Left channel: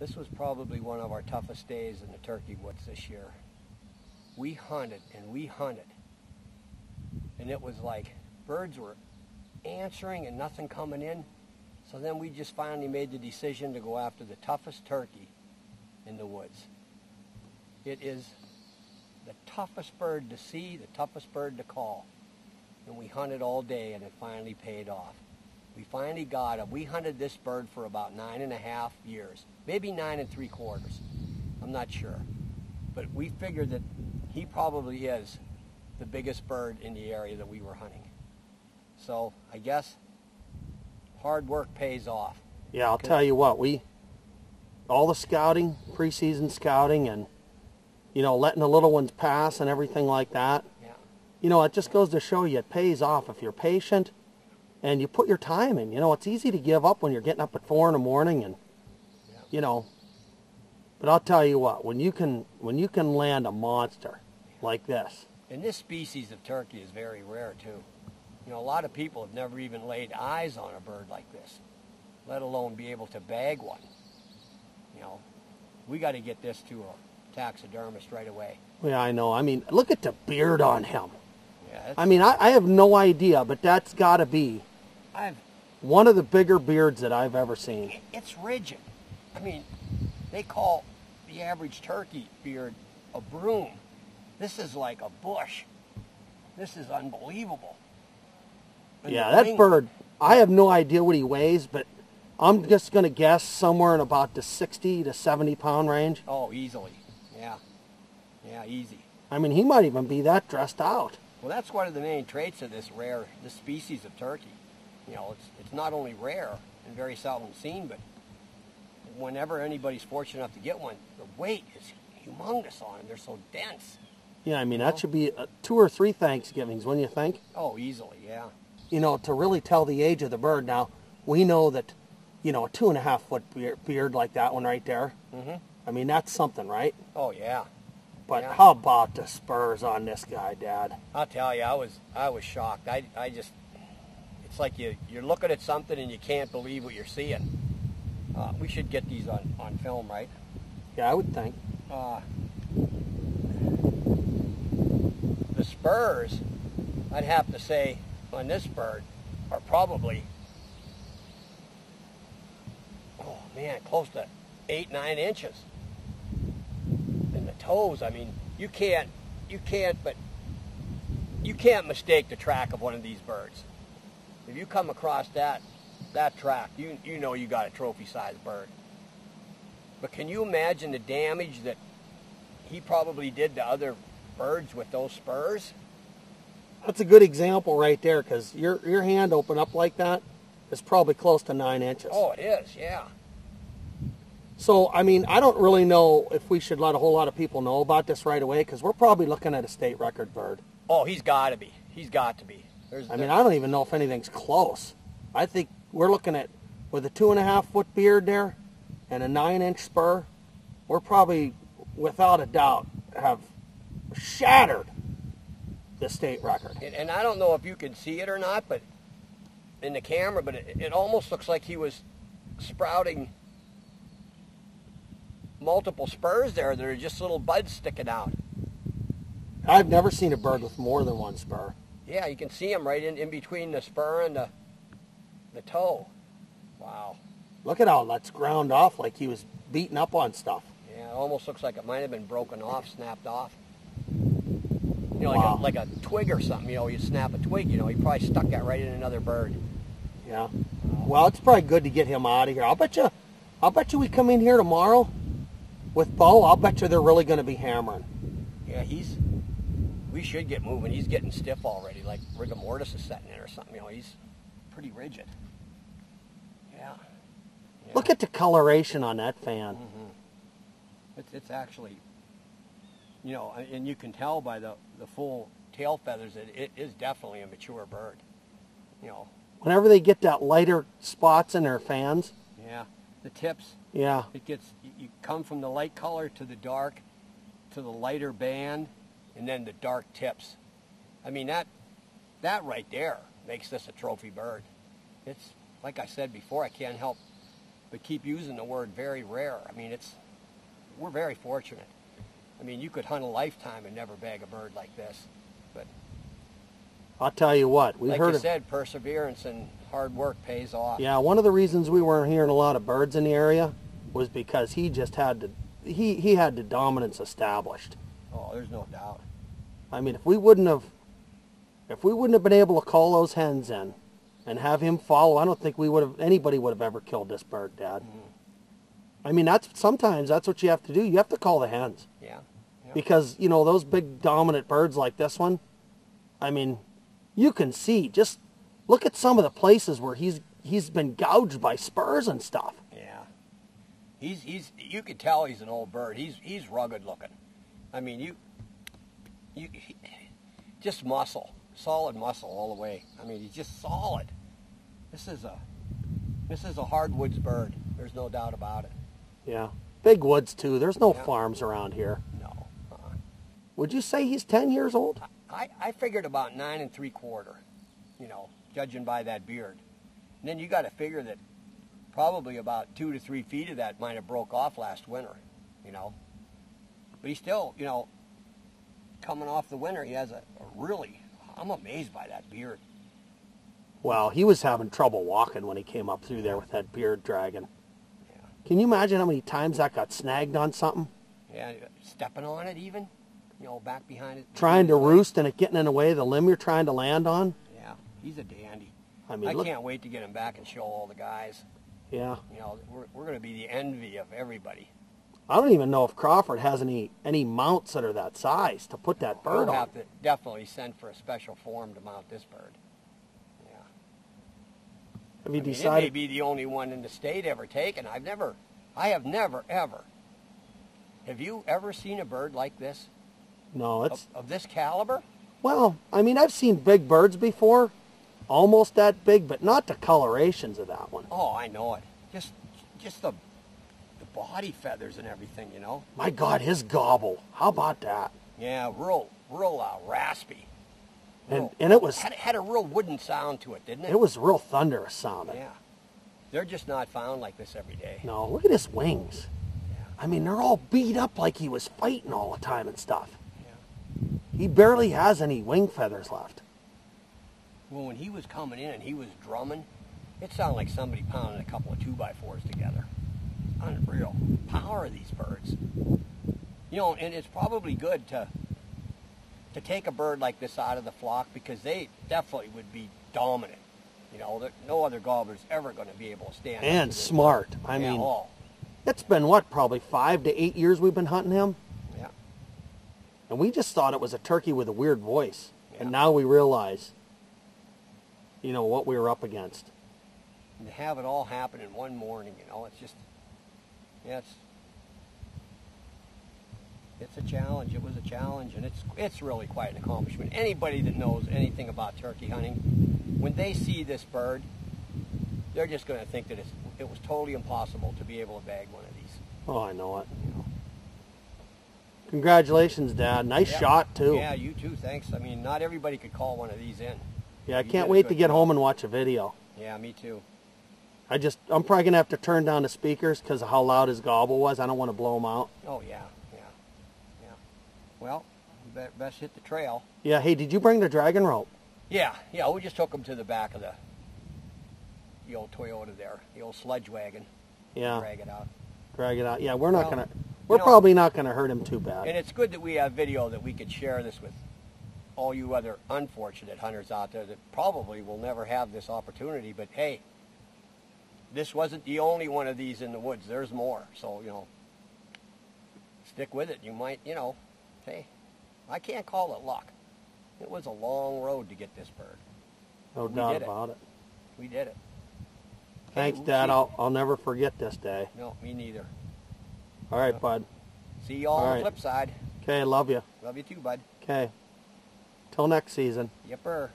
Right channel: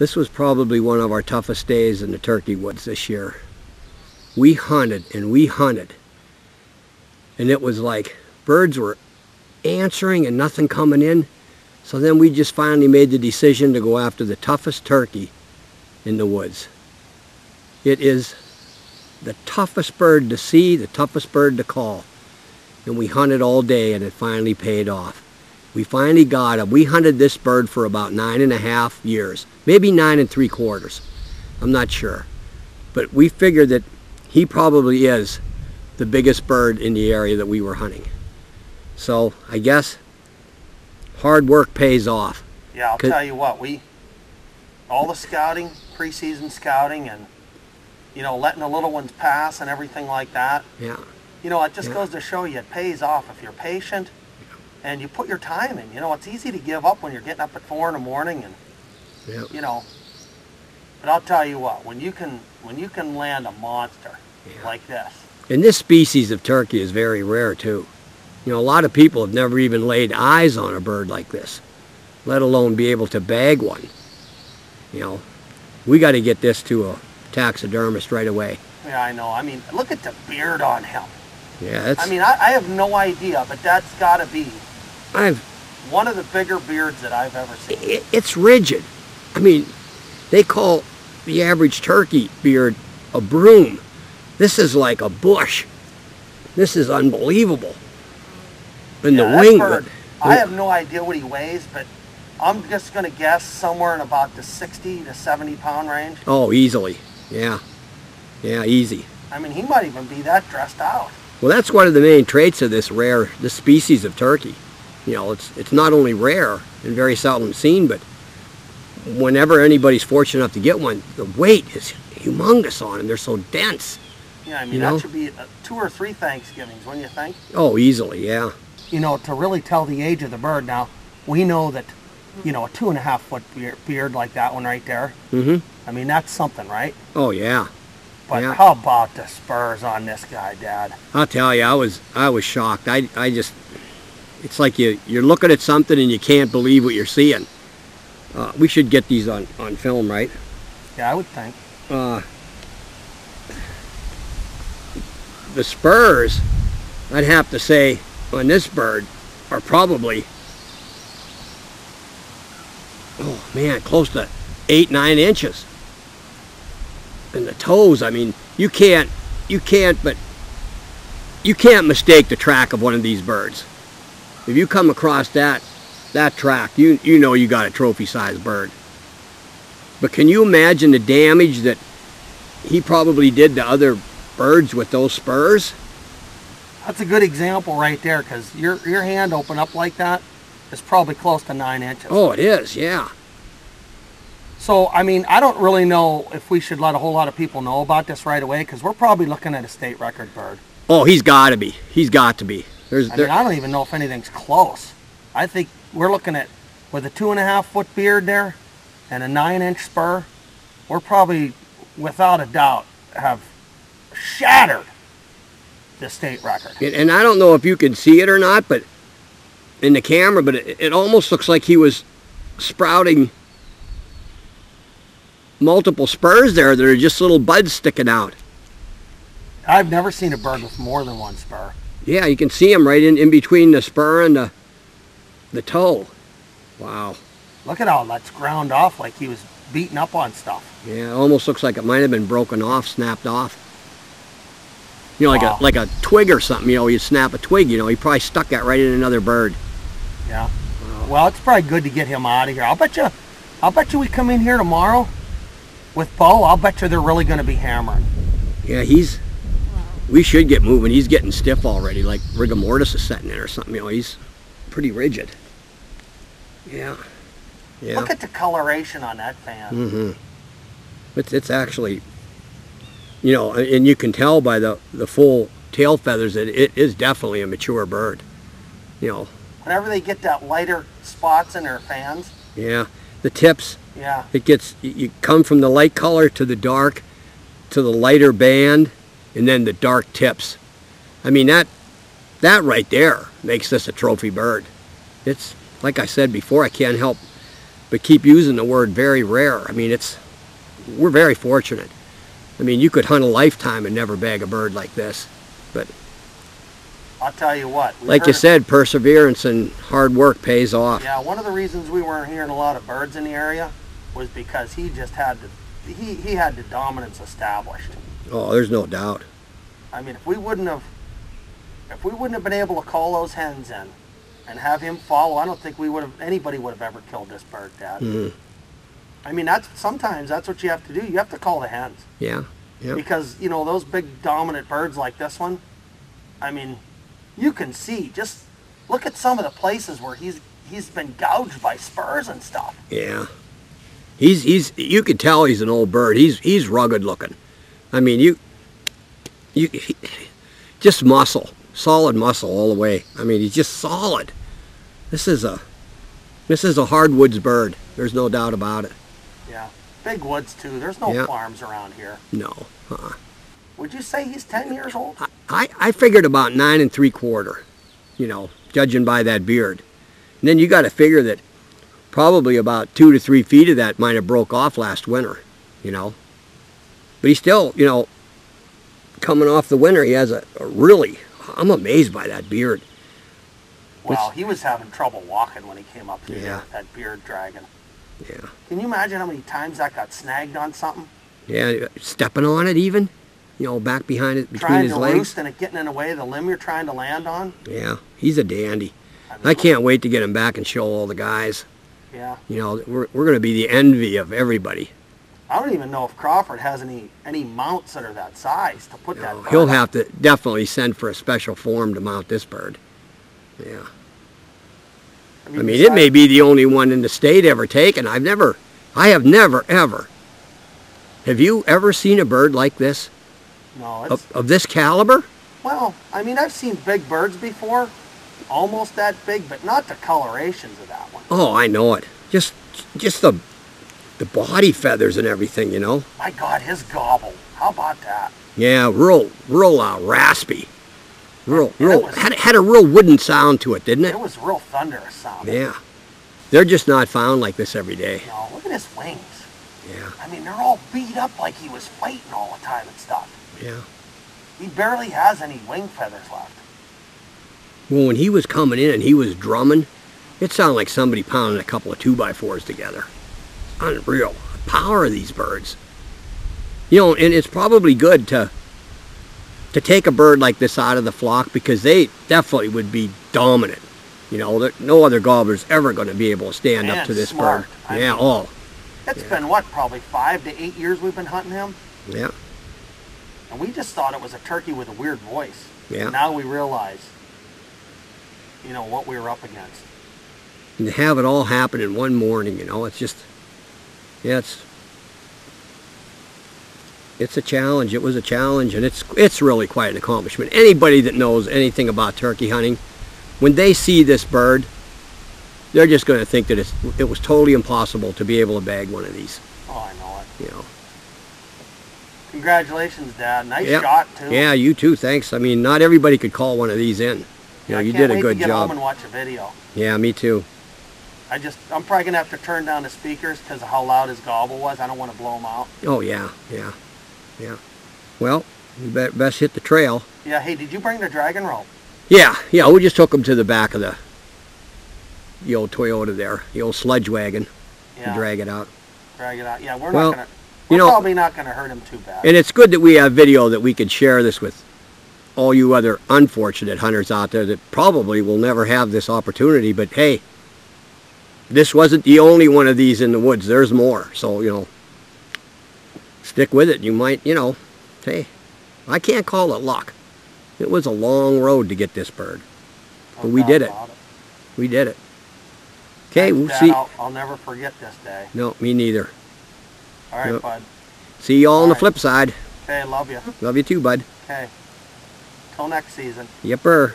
This was probably one of our toughest days in the turkey woods this year. We hunted and we hunted. And it was like birds were answering and nothing coming in. So then we just finally made the decision to go after the toughest turkey in the woods. It is the toughest bird to see, the toughest bird to call. And we hunted all day and it finally paid off. We finally got him. We hunted this bird for about 9.5 years, maybe 9 3/4. I'm not sure. But we figured that he probably is the biggest bird in the area that we were hunting. So I guess hard work pays off. Yeah, I'll tell you what, all the scouting, preseason scouting, and letting the little ones pass and everything like that. Yeah. It just goes to show you it pays off if you're patient and you put your time in. It's easy to give up when you're getting up at 4 in the morning and but I'll tell you what, when you can land a monster like this. And this species of turkey is very rare too. A lot of people have never even laid eyes on a bird like this, let alone be able to bag one. We got to get this to a taxidermist right away. Yeah, I know. I mean, look at the beard on him. Yeah, I mean, I have no idea, but that's got to be one of the bigger beards that I've ever seen. It's rigid. I mean, they call the average turkey beard a broom. This is like a bush. This is unbelievable. And the wing bird, I have no idea what he weighs, but I'm just going to guess somewhere in about the 60 to 70 pound range. Oh, easily. Yeah. Yeah, easy. I mean, he might even be that dressed out. Well, that's one of the main traits of this species of turkey. It's not only rare and very seldom seen, but whenever anybody's fortunate enough to get one, the weight is humongous on them. They're so dense. Yeah, I mean, that should be 2 or 3 Thanksgivings, wouldn't you think? Oh, easily, yeah. To really tell the age of the bird now, we know that, a 2.5 foot beard like that one right there. Mm-hmm. I mean, that's something, right? Oh, yeah. But how about the spurs on this guy, Dad? I'll tell you, I was shocked. I just, it's like you're looking at something and you can't believe what you're seeing. We should get these on film, right? Yeah, I would think. The spurs, I'd have to say, on this bird are probably, oh man, close to 8-9 inches. And the toes, I mean, you can't mistake the track of one of these birds. If you come across that track, you know you got a trophy-sized bird. But can you imagine the damage that he probably did to other birds with those spurs? That's a good example right there, because your hand open up like that is probably close to 9 inches. Oh, it is, yeah. So, I mean, I don't really know if we should let a whole lot of people know about this right away, because we're probably looking at a state record bird. Oh, he's got to be. He's got to be. I don't even know if anything's close. I think we're looking at, with a 2.5 foot beard there and a 9-inch spur, we're probably, without a doubt, have shattered the state record. And I don't know if you can see it or not, but in the camera, but it almost looks like he was sprouting multiple spurs there that are just little buds sticking out. I've never seen a bird with more than one spur. Yeah, you can see them right in between the spur and the toe. Wow. Look at how that's ground off like he was beating up on stuff. Yeah, it almost looks like it might have been broken off, snapped off. Wow. like a twig or something, you snap a twig, he probably stuck that right in another bird. Yeah. Well, it's probably good to get him out of here. I'll bet you we come in here tomorrow with Bo, I'll bet you they're really going to be hammering. Yeah, we should get moving. He's getting stiff already, like rigor mortis is setting in or something, he's pretty rigid. Yeah. Yeah. Look at the coloration on that fan. Mm-hmm. It's actually, and you can tell by the full tail feathers that it is definitely a mature bird. Whenever they get that lighter spots in their fans. Yeah, the tips. Yeah. You come from the light color to the dark, to the lighter band, and then the dark tips. I mean, that right there makes this a trophy bird. It's, like I said before, I can't help but keep using the word very rare. I mean, we're very fortunate. I mean, you could hunt a lifetime and never bag a bird like this. But I'll tell you what. Like you said, perseverance and hard work pays off. Yeah, one of the reasons we weren't hearing a lot of birds in the area was because he just had he had the dominance established. Oh, there's no doubt. I mean, if we wouldn't have been able to call those hens in and have him follow, I don't think anybody would have ever killed this bird, Dad. Mm-hmm. I mean, sometimes that's what you have to do. You have to call the hens. Yeah. Yep. Because, you know, those big dominant birds like this one, I mean, you can see, just look at some of the places where he's been gouged by spurs and stuff. Yeah. You could tell he's an old bird. He's rugged looking. I mean, just muscle, solid muscle all the way. I mean, he's just solid. This is a hardwoods bird. There's no doubt about it. Yeah. Big woods too. There's no farms around here. No. Would you say he's 10 years old? I figured about 9 3/4, you know, judging by that beard. And then you got to figure that probably about 2 to 3 feet of that might have broke off last winter, you know. But he's still, you know, coming off the winter, he has a really, I'm amazed by that beard. Well, he was having trouble walking when he came up through there, that beard dragging. Yeah. Can you imagine how many times that got snagged on something? Yeah, stepping on it even, you know, back behind it, between trying his to legs. roost and it getting in the way of the limb you're trying to land on. Yeah, he's a dandy. I mean, I can't wait to get him back and show all the guys. Yeah. You know, we're going to be the envy of everybody. I don't even know if Crawford has any mounts that are that size to put that bird He'll on. have to definitely send for a special form to mount this bird. Yeah. I mean, it may be the only one in the state ever taken. I have never, ever. Have you ever seen a bird like this? No, it's... Of this caliber? Well, I mean, I've seen big birds before. Almost that big, but not the colorations of that one. Oh, I know it. Just the body feathers and everything, you know. My God, his gobble. How about that? Yeah, real raspy. And Had a real wooden sound to it, didn't it? It was real thunderous sounding. Yeah. They're just not found like this every day. No, look at his wings. Yeah. I mean, they're all beat up like he was fighting all the time and stuff. Yeah. He barely has any wing feathers left. Well, when he was coming in and he was drumming, it sounded like somebody pounding a couple of 2x4s together. Unreal. The power of these birds. You know, and it's probably good to take a bird like this out of the flock because they definitely would be dominant. You know, no other gobbler's ever going to be able to stand up to this smart. bird. I mean, It's been, what, probably 5 to 8 years we've been hunting him? Yeah. And we just thought it was a turkey with a weird voice. Yeah. And now we realize, you know, what we were up against. And to have it all happen in one morning, you know, it's just, yeah, it's a challenge. It was a challenge, and it's really quite an accomplishment. Anybody that knows anything about turkey hunting, when they see this bird, they're just going to think that it was totally impossible to be able to bag one of these. Oh, I know it. You know. Congratulations, Dad. Nice shot, too. Yeah, you too. Thanks. I mean, not everybody could call one of these in. You know, you did a good job. I can't wait to get home and watch a video. Yeah, me too. I'm probably going to have to turn down the speakers because of how loud his gobble was. I don't want to blow him out. Oh, yeah. Well, you best hit the trail. Yeah, hey, did you bring the dragon rope? Yeah, we just took him to the back of the old Toyota there, the old sledge wagon, to drag it out. Drag it out. Yeah, we're probably not going to hurt him too bad. And it's good that we have video that we could share this with all you other unfortunate hunters out there that probably will never have this opportunity. But hey, this wasn't the only one of these in the woods. There's more. So, you know, stick with it. You might, you know, hey, I can't call it luck. It was a long road to get this bird. But we did it. We did it. Okay, we'll see. I'll never forget this day. No, me neither. All right, bud. See you all on the flip side. Okay, love you. Love you too, bud. Okay. Till next season. Yepper.